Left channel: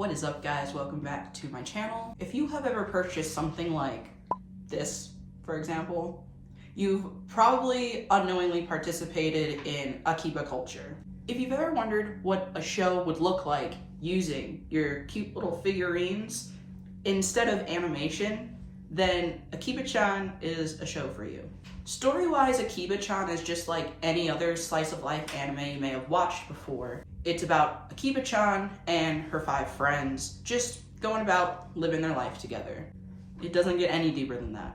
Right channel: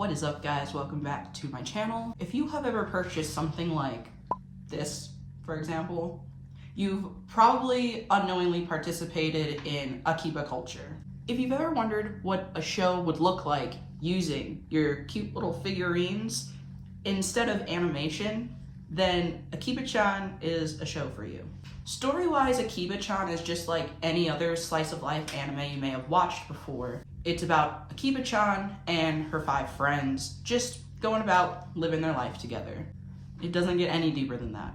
What is up, guys? Welcome back to my channel. If you have ever purchased something like this, for example, you've probably unknowingly participated in Akiba culture. If you've ever wondered what a show would look like using your cute little figurines instead of animation, then Akiba Chan is a show for you. Story-wise, Akiba Chan is just like any other slice of life anime you may have watched before. It's about Akiba Chan and her 5 friends just going about living their life together. It doesn't get any deeper than that.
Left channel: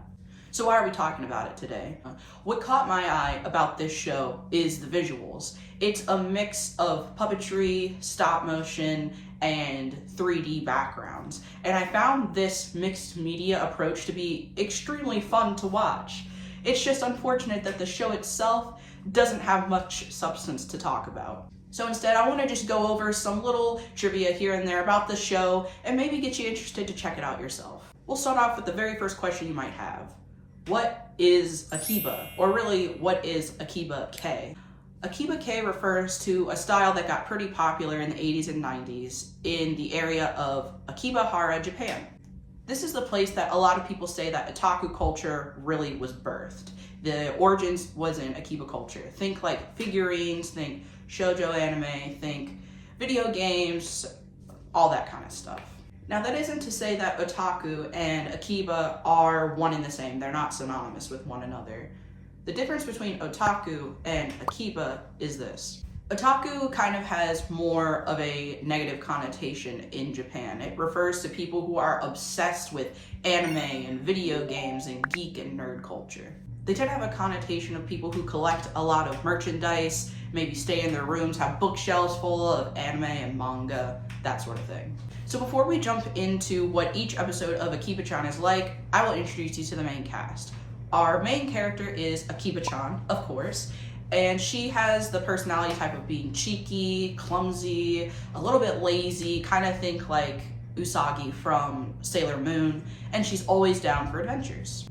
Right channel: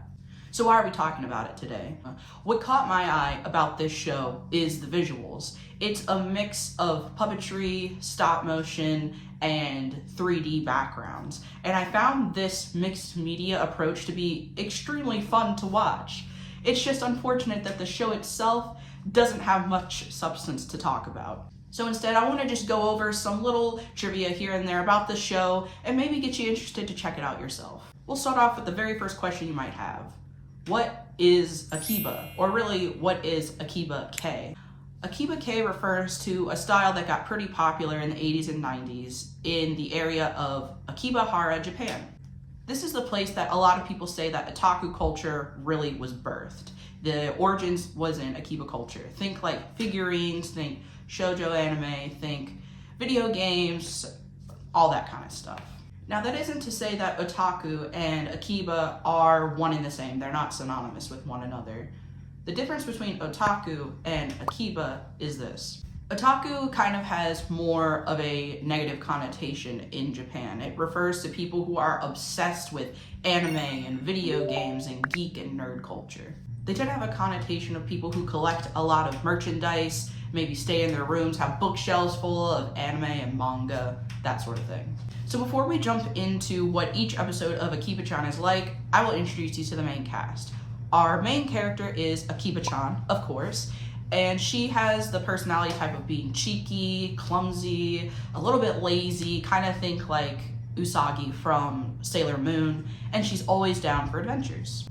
So why are we talking about it today? What caught my eye about this show is the visuals. It's a mix of puppetry, stop motion, and 3D backgrounds. And I found this mixed media approach to be extremely fun to watch. It's just unfortunate that the show itself doesn't have much substance to talk about. So instead, I want to just go over some little trivia here and there about the show and maybe get you interested to check it out yourself. We'll start off with the very first question you might have. What is Akiba? Or really, what is Akiba K? Akiba K refers to a style that got pretty popular in the 80s and 90s in the area of Akibahara, Japan. This is the place that a lot of people say that otaku culture really was birthed. The origins was in Akiba culture. Think like figurines, think shoujo anime, think video games, all that kind of stuff. Now that isn't to say that otaku and Akiba are one and the same. They're not synonymous with one another. The difference between otaku and Akiba is this. Otaku kind of has more of a negative connotation in Japan. It refers to people who are obsessed with anime and video games and geek and nerd culture. They tend to have a connotation of people who collect a lot of merchandise, maybe stay in their rooms, have bookshelves full of anime and manga, that sort of thing. So before we jump into what each episode of Akiba Chan is like, I will introduce you to the main cast. Our main character is Akiba Chan, of course, and she has the personality type of being cheeky, clumsy, a little bit lazy, kind of think like Usagi from Sailor Moon, and she's always down for adventures.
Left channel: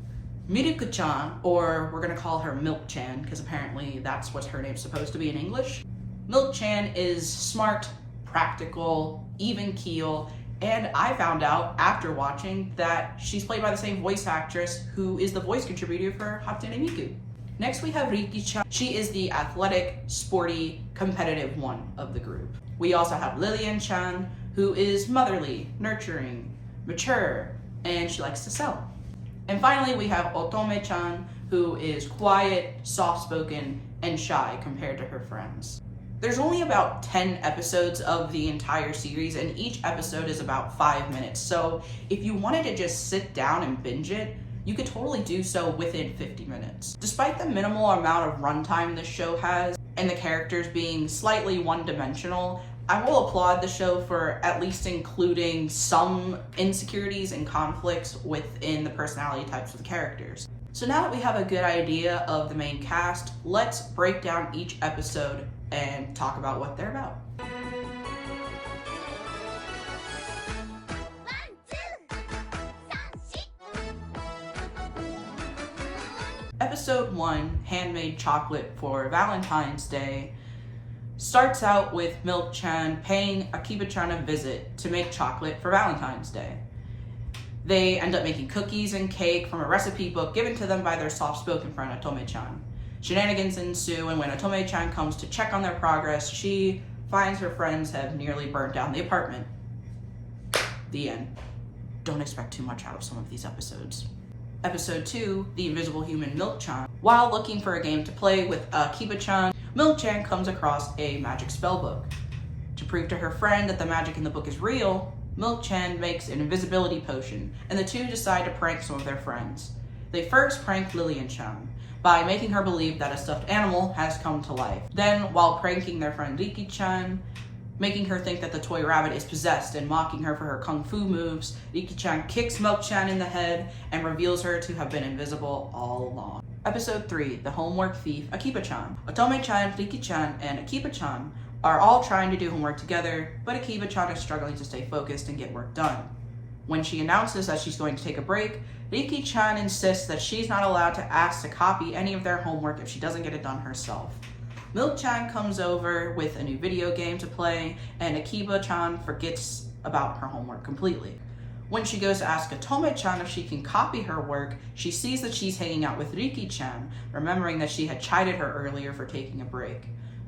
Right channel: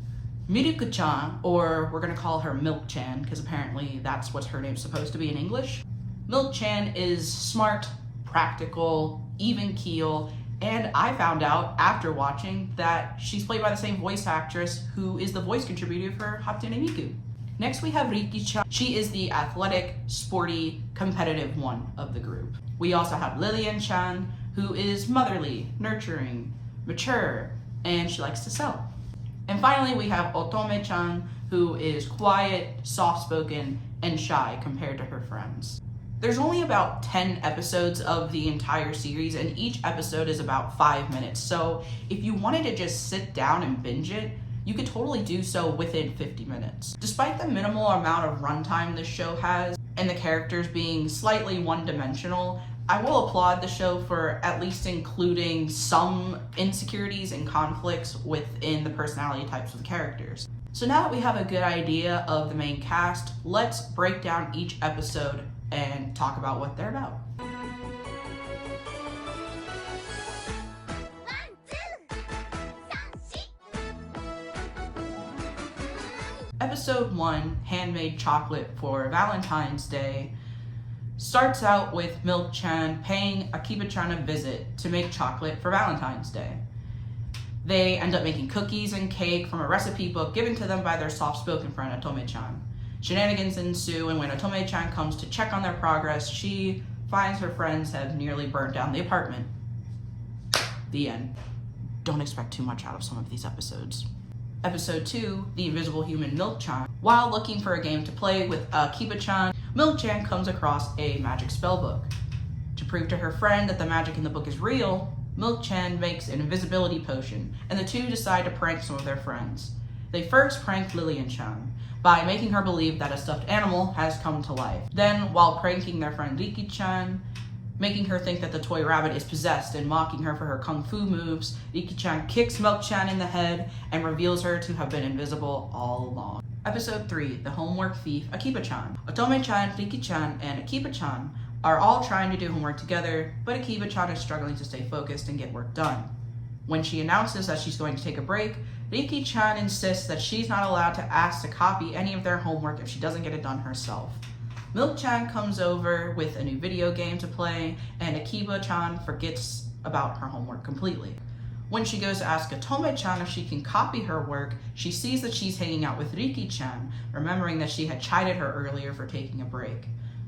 Miruku-chan, or we're gonna call her Milk-chan, because apparently that's what her name's supposed to be in English. Milk-chan is smart, practical, even keel, and I found out after watching that she's played by the same voice actress who is the voice contributor for Hatsune Miku. Next we have Riki-chan. She is the athletic, sporty, competitive one of the group. We also have Lillian-chan, who is motherly, nurturing, mature, and she likes to sew. And finally, we have Otome-chan, who is quiet, soft-spoken, and shy compared to her friends. There's only about 10 episodes of the entire series, and each episode is about 5 minutes. So if you wanted to just sit down and binge it, you could totally do so within 50 minutes. Despite the minimal amount of runtime this show has, and the characters being slightly one-dimensional, I will applaud the show for at least including some insecurities and conflicts within the personality types of the characters. So now that we have a good idea of the main cast, let's break down each episode and talk about what they're about. Episode 1, Handmade Chocolate for Valentine's Day, starts out with Milk-chan paying Akiba Chan a visit to make chocolate for Valentine's Day. They end up making cookies and cake from a recipe book given to them by their soft-spoken friend Otome Chan. Shenanigans ensue, and when Otome Chan comes to check on their progress, she finds her friends have nearly burnt down the apartment. The end. Don't expect too much out of some of these episodes. Episode 2, The Invisible Human Milk-chan. While looking for a game to play with Akiba Chan, Milk-chan comes across a magic spellbook. To prove to her friend that the magic in the book is real, Milk-chan makes an invisibility potion, and the two decide to prank some of their friends. They first prank Lillian-chan by making her believe that a stuffed animal has come to life. Then, while pranking their friend Riki-chan, making her think that the toy rabbit is possessed and mocking her for her kung fu moves, Riki-chan kicks Milk-chan in the head and reveals her to have been invisible all along. Episode 3, The Homework Thief, Akiba Chan. Otome-chan, Riki-chan, and Akiba Chan are all trying to do homework together, but Akiba Chan is struggling to stay focused and get work done. When she announces that she's going to take a break, Riki-chan insists that she's not allowed to ask to copy any of their homework if she doesn't get it done herself. Milk-chan comes over with a new video game to play, and Akiba Chan forgets about her homework completely. When she goes to ask Otome Chan if she can copy her work, she sees that she's hanging out with Riki Chan, remembering that she had chided her earlier for taking a break.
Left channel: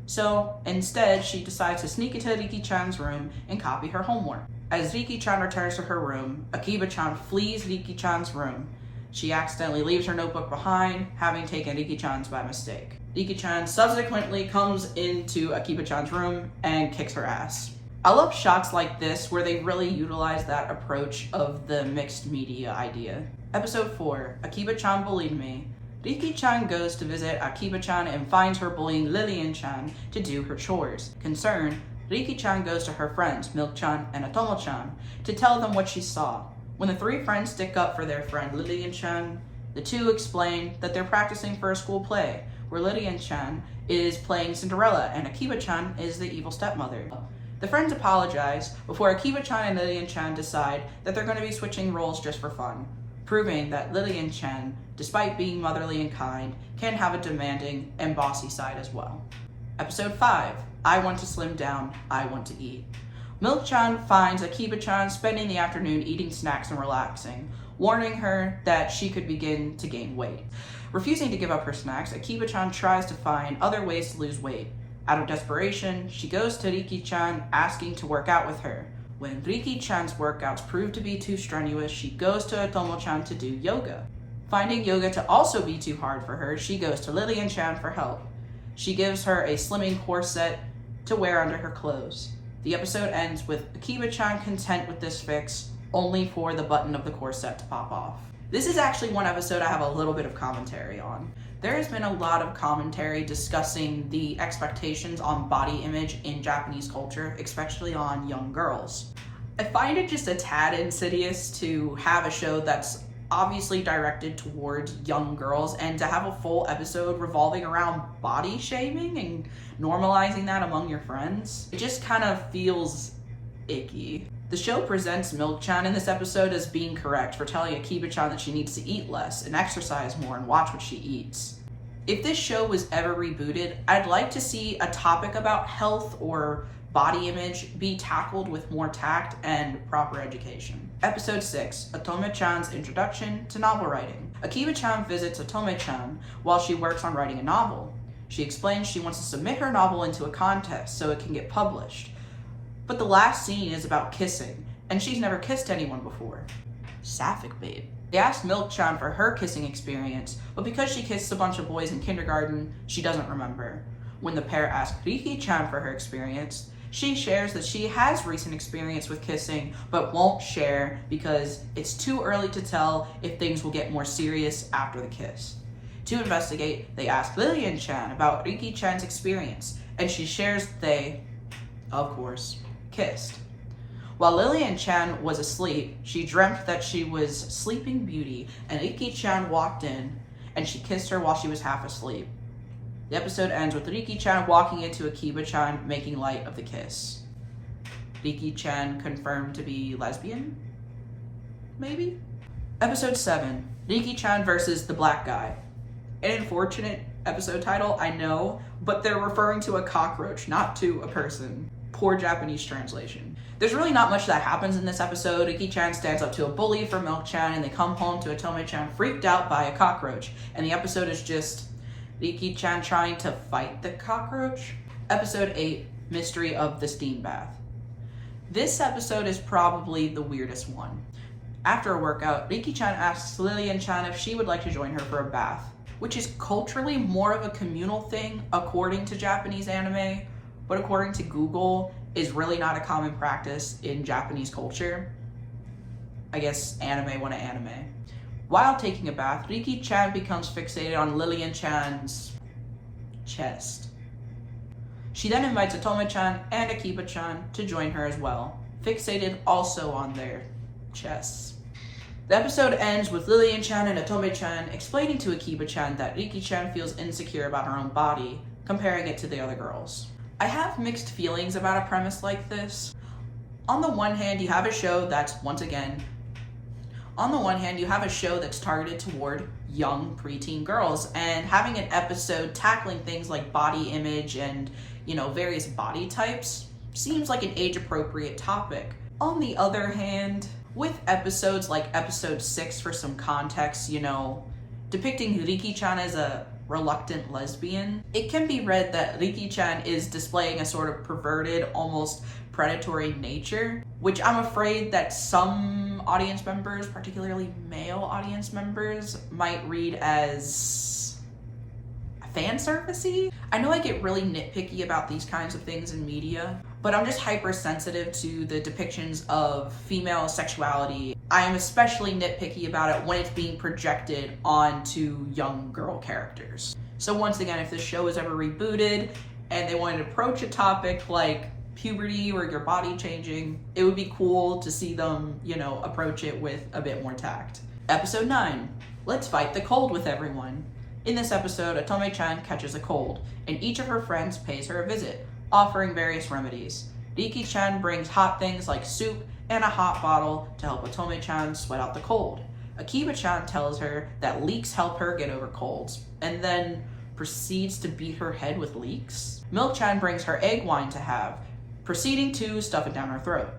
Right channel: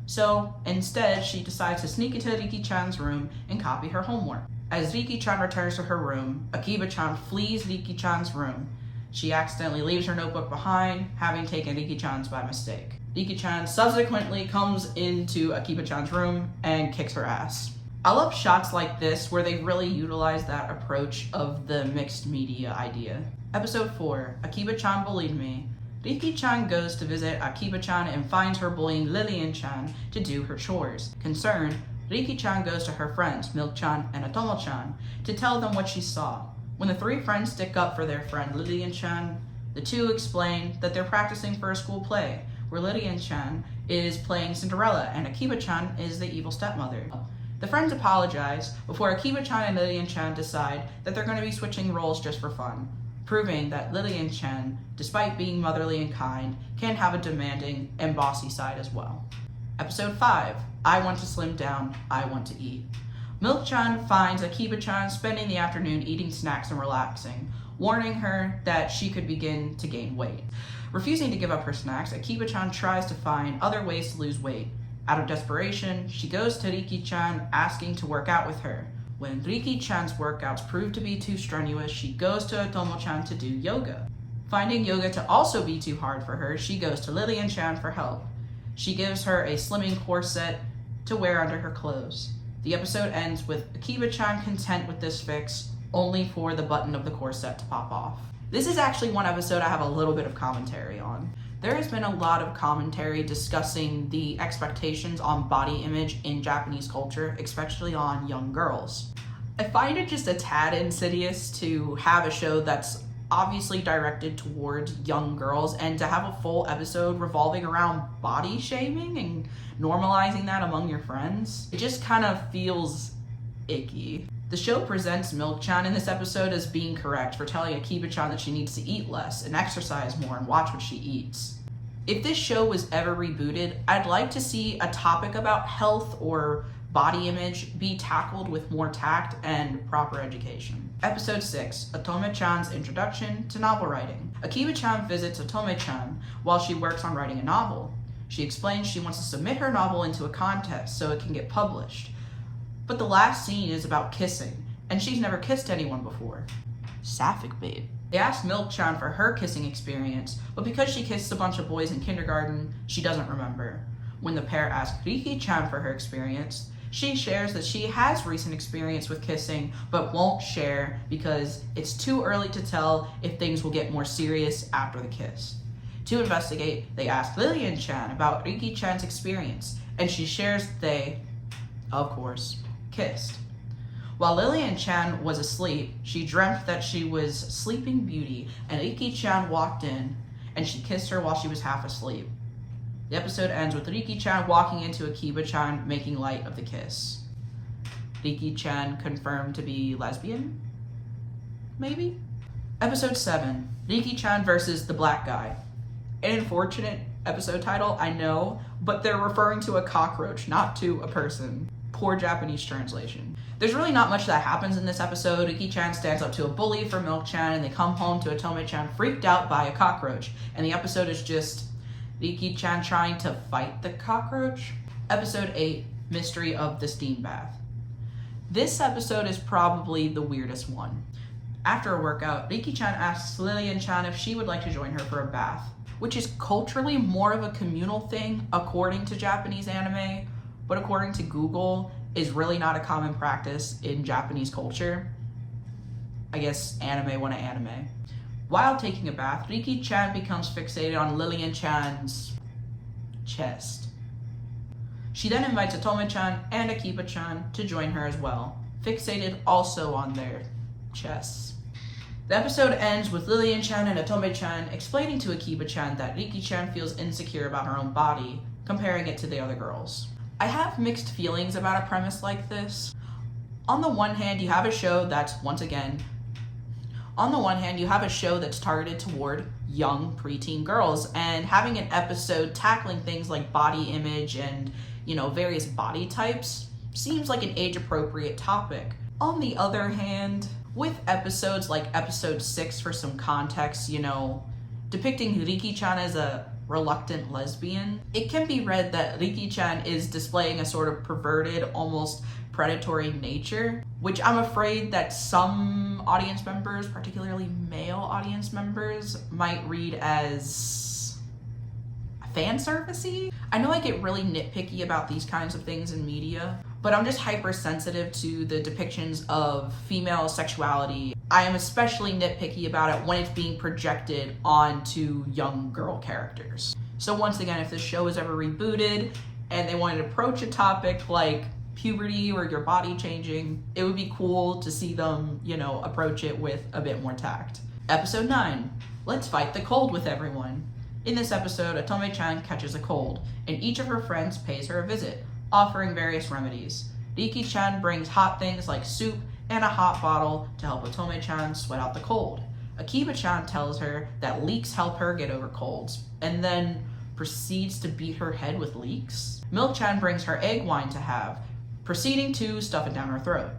So instead, she decides to sneak into Riki Chan's room and copy her homework. As Riki Chan returns to her room, Akiba Chan flees Riki Chan's room. She accidentally leaves her notebook behind, having taken Riki Chan's by mistake. Riki Chan subsequently comes into Akiba Chan's room and kicks her ass. I love shots like this where they really utilize that approach of the mixed media idea. Episode 4, Akiba Chan Belied Me. Riki Chan goes to visit Akiba Chan and finds her bullying Lillian Chan to do her chores. Concerned, Riki Chan goes to her friends, Milk Chan and Otome Chan, to tell them what she saw. When the three friends stick up for their friend Lillian Chan, the two explain that they're practicing for a school play, where Lillian Chan is playing Cinderella and Akiba Chan is the evil stepmother. The friends apologize before Akiba Chan and Lillian Chan decide that they're going to be switching roles just for fun, proving that Lillian Chan, despite being motherly and kind, can have a demanding and bossy side as well. Episode 5, I Want to Slim Down, I Want to Eat. Milk Chan finds Akiba Chan spending the afternoon eating snacks and relaxing, warning her that she could begin to gain weight. Refusing to give up her snacks, Akiba Chan tries to find other ways to lose weight. Out of desperation, she goes to Riki Chan asking to work out with her. When Riki Chan's workouts prove to be too strenuous, she goes to Otome Chan to do yoga. Finding yoga to also be too hard for her, she goes to Lillian Chan for help. She gives her a slimming corset to wear under her clothes. The episode ends with Akiba Chan content with this fix, only for the button of the corset to pop off. This is actually one episode I have a little bit of commentary on. There has been a lot of commentary discussing the expectations on body image in Japanese culture, especially on young girls. I find it just a tad insidious to have a show that's obviously directed towards young girls and to have a full episode revolving around body shaming and normalizing that among your friends. It just kind of feels icky. The show presents Milk Chan in this episode as being correct for telling Akiba Chan that she needs to eat less and exercise more and watch what she eats. If this show was ever rebooted, I'd like to see a topic about health or body image be tackled with more tact and proper education. Episode 6, Otome Chan's Introduction to Novel Writing. Akiba Chan visits Otome Chan while she works on writing a novel. She explains she wants to submit her novel into a contest so it can get published. But the last scene is about kissing, and she's never kissed anyone before. Sapphic babe. They asked Milk Chan for her kissing experience, but because she kissed a bunch of boys in kindergarten, she doesn't remember. When the pair asked Riki Chan for her experience, she shares that she has recent experience with kissing, but won't share because it's too early to tell if things will get more serious after the kiss. To investigate, they ask Lillian Chan about Riki Chan's experience, and she shares they, of course, kissed. While Lillian Chan was asleep, she dreamt that she was Sleeping Beauty, and Riki Chan walked in, and she kissed her while she was half asleep. The episode ends with Riki Chan walking into Akiba Chan, making light of the kiss. Riki Chan confirmed to be lesbian? Maybe? Episode 7, Riki Chan versus the Black Guy. An unfortunate episode title, I know, but they're referring to a cockroach, not to a person. Poor Japanese translation. There's really not much that happens in this episode. Riki Chan stands up to a bully for Milk Chan, and they come home to Otome Chan freaked out by a cockroach. And the episode is just Riki Chan trying to fight the cockroach. Episode 8, Mystery of the Steam Bath. This episode is probably the weirdest one. After a workout, Riki Chan asks Lillian Chan if she would like to join her for a bath, which is culturally more of a communal thing according to Japanese anime, but according to Google, is really not a common practice in Japanese culture. I guess anime want to anime. While taking a bath, Riki Chan becomes fixated on Lillian Chan's chest. She then invites Otome Chan and Akiba Chan to join her as well, fixated also on their chests. The episode ends with Lillian Chan and Otome Chan explaining to Akiba Chan that Riki Chan feels insecure about her own body, comparing it to the other girls. I have mixed feelings about a premise like this. On the one hand, you have a show that's, targeted toward young preteen girls, and having an episode tackling things like body image and, various body types seems like an age-appropriate topic. On the other hand, with episodes like episode 6, for some context, you know, depicting Riki-chan as a reluctant lesbian, it can be read that Riki-chan is displaying a sort of perverted, almost predatory nature, which I'm afraid that some audience members, particularly male audience members, might read as fan servicey. I know I get really nitpicky about these kinds of things in media, but I'm just hypersensitive to the depictions of female sexuality. I am especially nitpicky about it when it's being projected onto young girl characters. So once again, if this show is ever rebooted and they wanted to approach a topic like puberty or your body changing, it would be cool to see them, you know, approach it with a bit more tact. Episode 9, let's fight the cold with everyone. In this episode, Otome-chan catches a cold, and each of her friends pays her a visit, offering various remedies. Riki-chan brings hot things like soup and a hot bottle to help Otome-chan sweat out the cold. Akiba Chan tells her that leeks help her get over colds, and then proceeds to beat her head with leeks. Milk-chan brings her egg wine to have, proceeding to stuff it down her throat.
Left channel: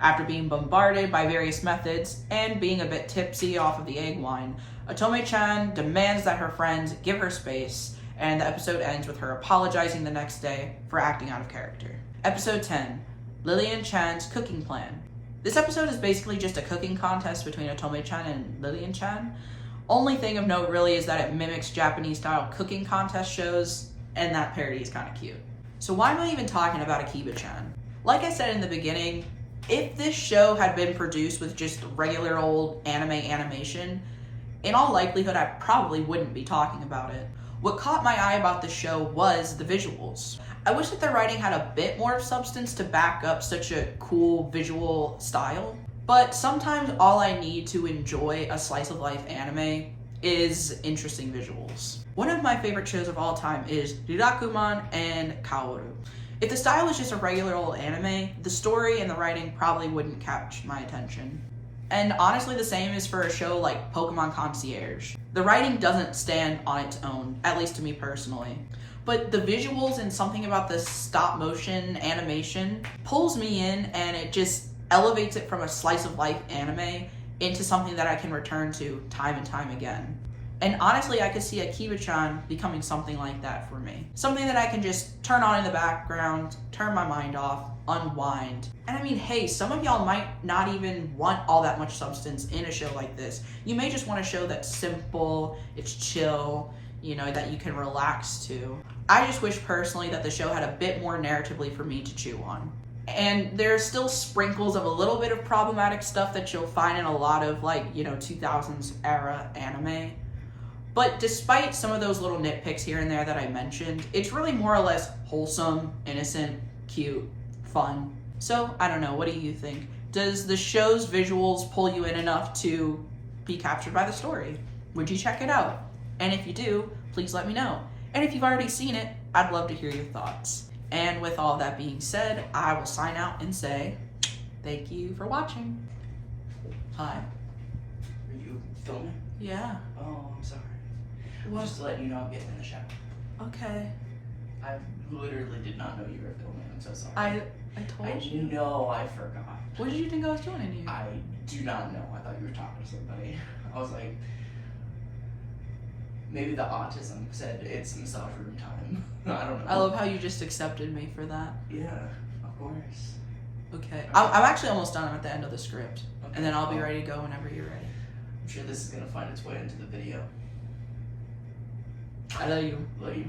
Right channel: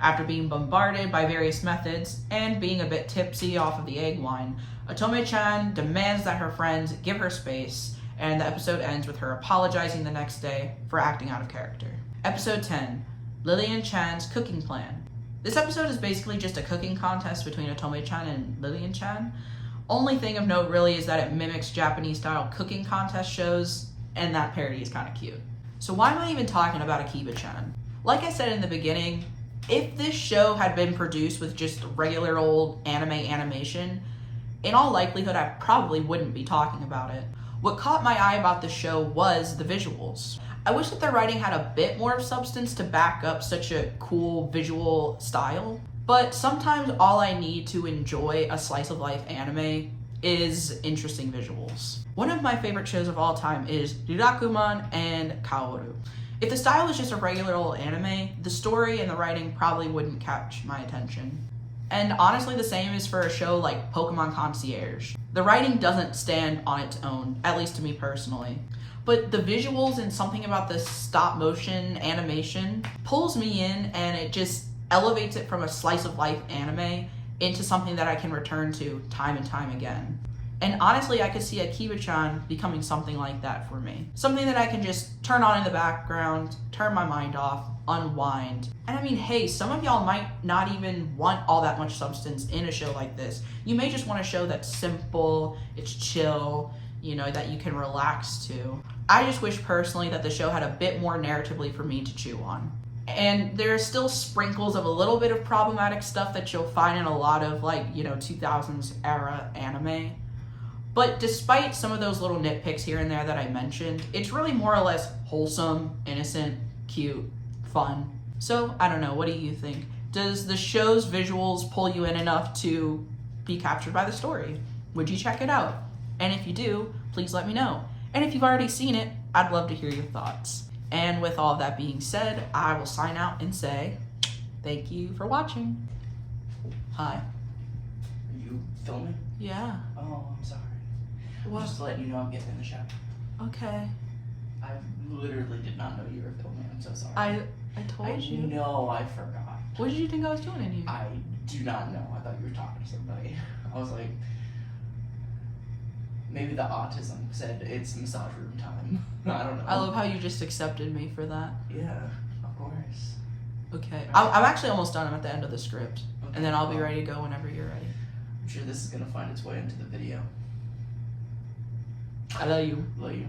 After being bombarded by various methods and being a bit tipsy off of the egg wine, Otome-chan demands that her friends give her space, and the episode ends with her apologizing the next day for acting out of character. Episode 10, Lillian-chan's cooking plan. This episode is basically just a cooking contest between Otome-chan and Lillian-chan. Only thing of note really is that it mimics Japanese-style cooking contest shows, and that parody is kind of cute. So why am I even talking about Akiba-chan? Like I said in the beginning, if this show had been produced with just regular old anime animation, in all likelihood I probably wouldn't be talking about it. What caught my eye about this show was the visuals. I wish that the writing had a bit more of substance to back up such a cool visual style, but sometimes all I need to enjoy a slice of life anime is interesting visuals. One of my favorite shows of all time is Rirakuman and Kaoru. If the style was just a regular old anime, the story and the writing probably wouldn't catch my attention. And honestly, the same is for a show like Pokemon Concierge. The writing doesn't stand on its own, at least to me personally. But the visuals and something about the stop motion animation pulls me in, and it just elevates it from a slice of life anime into something that I can return to time and time again. And honestly, I could see Akiba-chan becoming something like that for me. Something that I can just turn on in the background, turn my mind off, unwind. And I mean, hey, some of y'all might not even want all that much substance in a show like this. You may just want a show that's simple, it's chill, you know, that you can relax to. I just wish personally that the show had a bit more narratively for me to chew on. And there's still sprinkles of a little bit of problematic stuff that you'll find in a lot of, like, you know, 2000s era anime. But despite some of those little nitpicks here and there that I mentioned, it's really more or less wholesome, innocent, cute, fun. So, I don't know, what do you think? Does the show's visuals pull you in enough to be captured by the story? Would you check it out? And if you do, please let me know. And if you've already seen it, I'd love to hear your thoughts. And with all that being said, I will sign out and say, thank you for watching. Hi. Are you filming? Yeah. Oh, I'm sorry. What? Just to let you know I'm getting in the shower. Okay. I literally did not know you were filming. I'm so sorry. I told you. No, I forgot. What did you think I was doing in here? I do not know. I thought you were talking to somebody. I was like, maybe the autism said it's massage room time. I don't know. I love how you just accepted me for that. Yeah, of course. Okay. I'm actually almost done. I'm at the end of the script. Okay. And then I'll be ready to go whenever you're ready. I'm sure this is going to find its way into the video. I love you. Love you.